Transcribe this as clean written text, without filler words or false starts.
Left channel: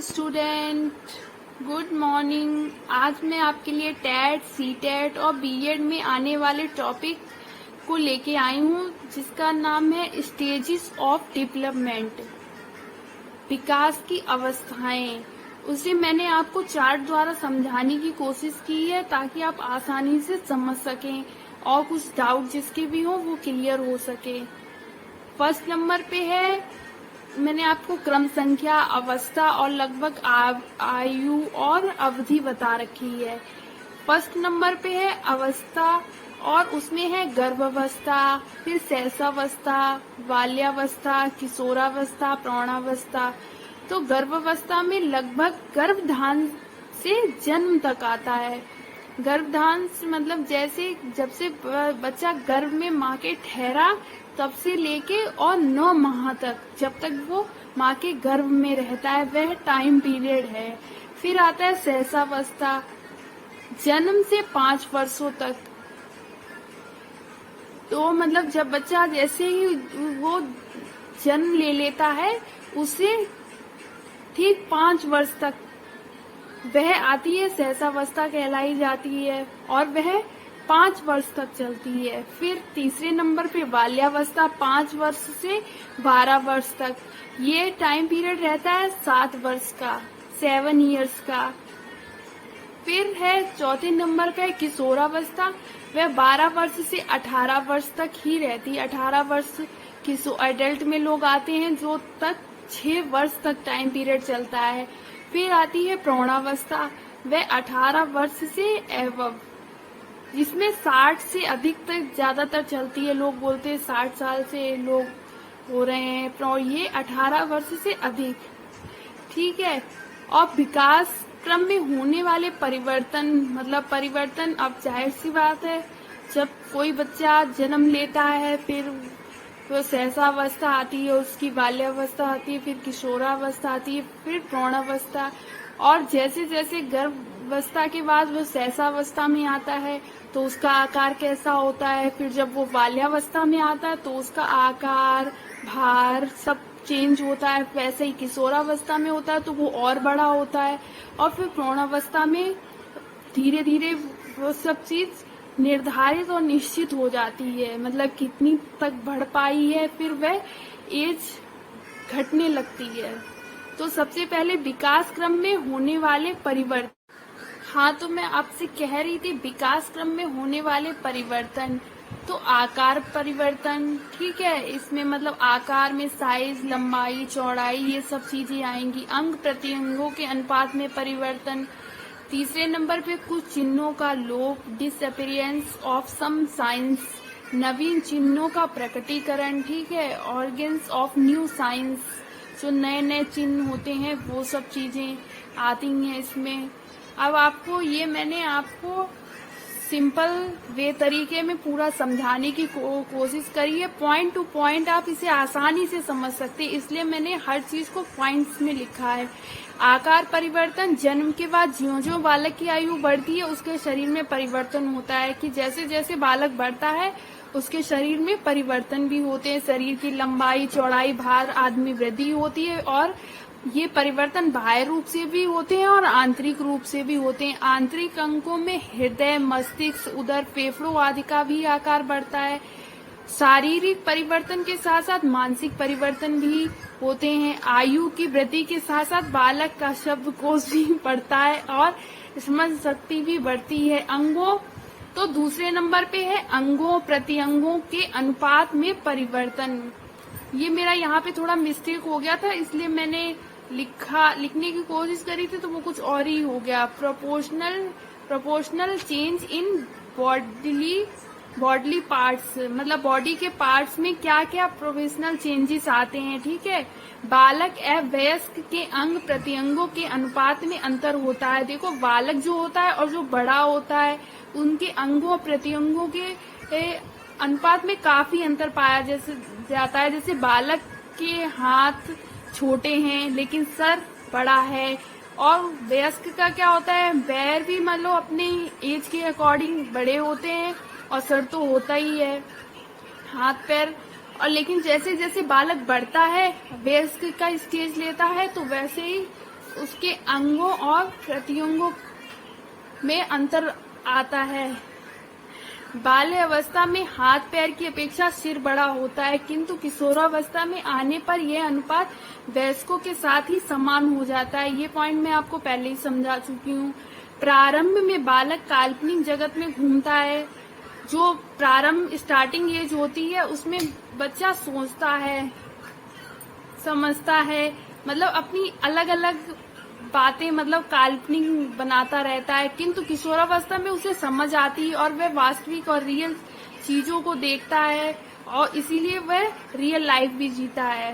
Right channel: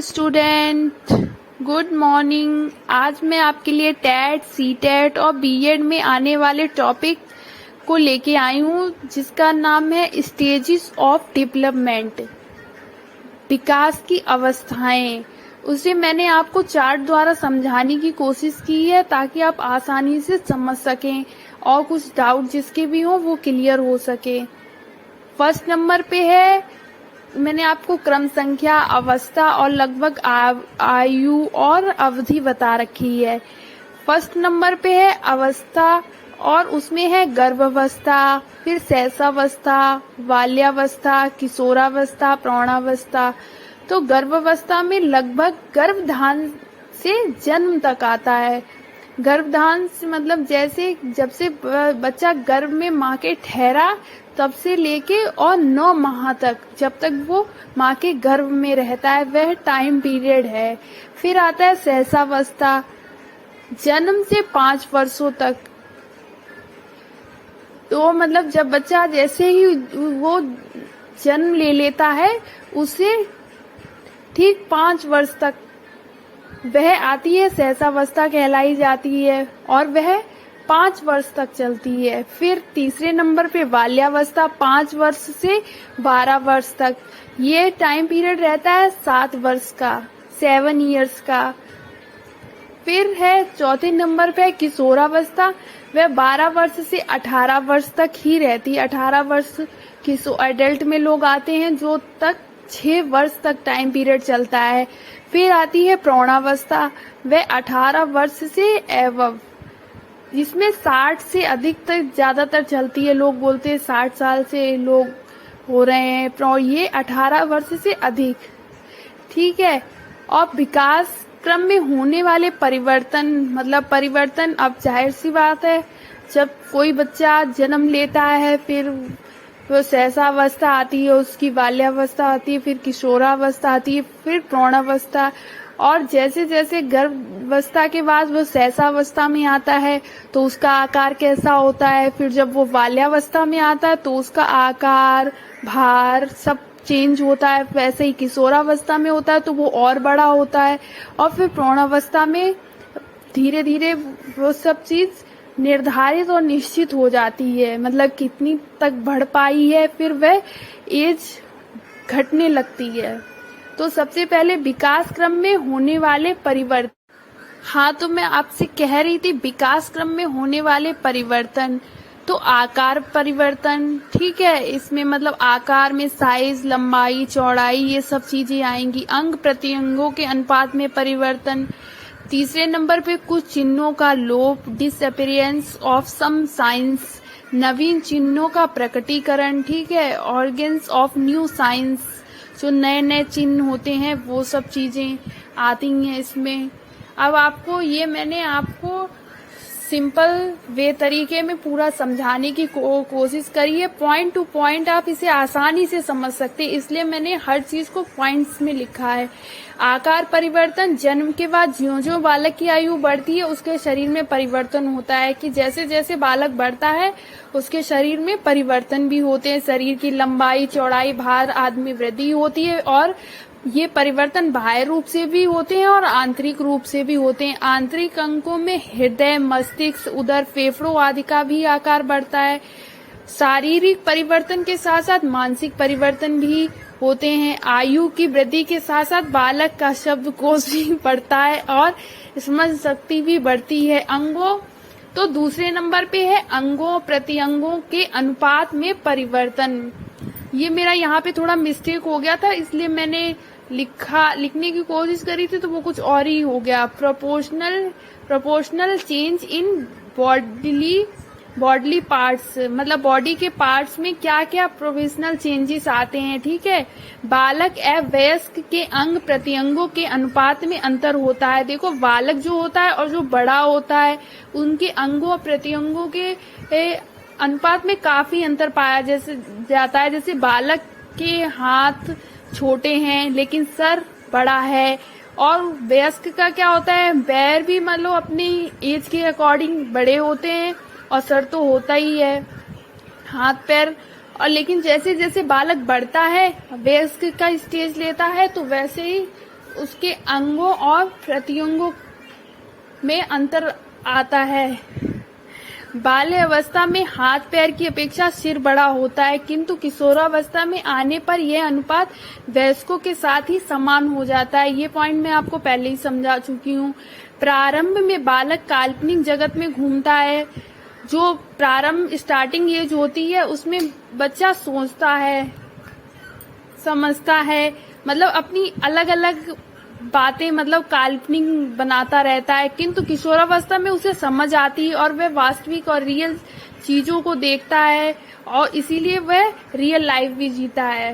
Student, good morning. आज मैं आपके लिए टेट, सीटेट और बीएड में आने वाले टॉपिक को लेके आई हूँ, जिसका नाम है स्टेजेस ऑफ डेवलपमेंट, विकास की अवस्थाएं। उसे मैंने आपको चार्ट द्वारा समझाने की कोशिश की है ताकि आप आसानी से समझ सकें और कुछ डाउट जिसके भी हो वो क्लियर हो सके। फर्स्ट नंबर पे है, मैंने आपको क्रम संख्या, अवस्था और लगभग आयु और अवधि बता रखी है। फर्स्ट नंबर पे है अवस्था और उसमें है गर्भावस्था, फिर शैशवावस्था, बाल्यावस्था, किशोरावस्था, प्रौढ़ावस्था। तो गर्भावस्था में लगभग गर्भधान से जन्म तक आता है। गर्भधान मतलब जैसे जब से बच्चा गर्भ में माँ के ठहरा तब से लेके और 9 माह तक, जब तक वो माँ के गर्भ में रहता है, वह टाइम पीरियड है। फिर आता है शैशवावस्था, जन्म से 5 वर्षों तक। तो मतलब जब बच्चा जैसे ही वो जन्म ले लेता है उसे ठीक 5 वर्ष तक वह आती है, शैशवावस्था कहलाई जाती है और वह 5 वर्ष तक चलती है। फिर तीसरे नंबर पे बाल्यावस्था, 5 वर्ष से 12 वर्ष तक, ये टाइम पीरियड रहता है 7 वर्ष का, 7 इयर्स का। फिर है चौथे नंबर पे किशोरावस्था, वह 12 वर्ष से 18 वर्ष तक ही रहती है। 18 वर्ष एडल्ट में लोग आते हैं जो तक 6 वर्ष तक टाइम पीरियड चलता है। फिर आती है प्रौढ़ावस्था, वह 18 वर्ष से एवं, जिसमें 60 से अधिक तक ज्यादातर चलती है। लोग बोलते हैं 60 साल से लोग हो रहे हैं, ये 18 वर्ष से अधिक, ठीक है। और विकास क्रम में होने वाले परिवर्तन, मतलब परिवर्तन, अब जाहिर सी बात है जब कोई बच्चा जन्म लेता है फिर वो शैशवावस्था आती है, उसकी बाल्यावस्था आती है, फिर किशोरावस्था आती है, फिर प्रौढ़ावस्था, और जैसे जैसे गर्भावस्था के बाद वो शैशवावस्था में आता है तो उसका आकार कैसा होता है। फिर जब वो बाल्यावस्था में आता है तो उसका आकार, भार सब चेंज होता है। वैसे ही किशोरावस्था में होता है तो वो और बड़ा होता है, और फिर प्रौढ़ावस्था में धीरे धीरे वो सब चीज निर्धारित और निश्चित हो जाती है, मतलब कितनी तक बढ़ पाई है, फिर वह एज घटने लगती है। तो सबसे पहले विकास क्रम में होने वाले परिवर्तन। हाँ, तो मैं आपसे कह रही थी विकास क्रम में होने वाले परिवर्तन। तो आकार परिवर्तन, ठीक है, इसमें मतलब आकार में साइज, लंबाई, चौड़ाई, ये सब चीजें आएंगी। अंग प्रत्यंगों के अनुपात में परिवर्तन। तीसरे नंबर पे कुछ चिन्हों का लोप, डिसअपीयरेंस ऑफ सम साइंस, नवीन चिन्हों का प्रकटीकरण, ठीक है। ऑर्गेन्स ऑफ न्यू साइंस, जो नए नए चिन्ह होते हैं वो सब चीजें आती हैं इसमें। अब आपको ये मैंने आपको सिंपल वे तरीके में पूरा समझाने की कोशिश करी है। पॉइंट टू पॉइंट आप इसे आसानी से समझ सकते हैं, इसलिए मैंने हर चीज को पॉइंट्स में लिखा है। आकार परिवर्तन, जन्म के बाद ज्यों-ज्यों बालक की आयु बढ़ती है उसके शरीर में परिवर्तन होता है, कि जैसे जैसे बालक बढ़ता है उसके शरीर में परिवर्तन भी होते हैं। शरीर की लंबाई, चौड़ाई, भार आदि में वृद्धि होती है, और ये परिवर्तन बाह्य रूप से भी होते हैं और आंतरिक रूप से भी होते हैं। आंतरिक अंगों में हृदय, मस्तिष्क, उदर, फेफड़ों आदि का भी आकार बढ़ता है। शारीरिक परिवर्तन के साथ साथ मानसिक परिवर्तन भी होते हैं। आयु की वृद्धि के साथ साथ बालक का शब्दकोश भी बढ़ता है और समझ शक्ति भी बढ़ती है। अंगों, तो दूसरे नंबर पे है अंगों प्रत्यंगों के अनुपात में परिवर्तन। ये मेरा यहाँ पे थोड़ा मिस्टेक हो गया था, इसलिए मैंने लिखने की कोशिश करी थी तो वो कुछ और ही हो गया। Proportional change in bodily parts, मतलब बॉडी के पार्ट्स में क्या क्या प्रोपोर्शनल चेंजेस आते हैं, ठीक है। बालक एवं वयस्क के अंग प्रत्यंगों के अनुपात में अंतर होता है। देखो, बालक जो होता है और जो बड़ा होता है उनके अंगों प्रत्यंगों के अनुपात में काफी अंतर पाया जाता है। जैसे बालक के हाथ छोटे हैं लेकिन सर बड़ा है, और वयस्क का क्या होता है, पैर भी मतलब अपनी एज के अकॉर्डिंग बड़े होते हैं और सर तो होता ही है, हाथ पैर। और लेकिन जैसे जैसे बालक बढ़ता है, वयस्क का स्टेज लेता है, तो वैसे ही उसके अंगों और प्रत्यंगों में अंतर आता है। बाल्य अवस्था में हाथ पैर की अपेक्षा सिर बड़ा होता है, किंतु किशोरावस्था में आने पर यह अनुपात वयस्कों के साथ ही समान हो जाता है। ये पॉइंट मैं आपको पहले ही समझा चुकी हूँ। प्रारंभ में बालक काल्पनिक जगत में घूमता है। जो प्रारंभ स्टार्टिंग एज होती है उसमें बच्चा सोचता है, समझता है, मतलब अपनी अलग अलग बातें मतलब काल्पनिक बनाता रहता है, किंतु किशोरावस्था में उसे समझ आती है और वह वास्तविक और रियल चीजों को देखता है और इसीलिए वह रियल लाइफ भी जीता है।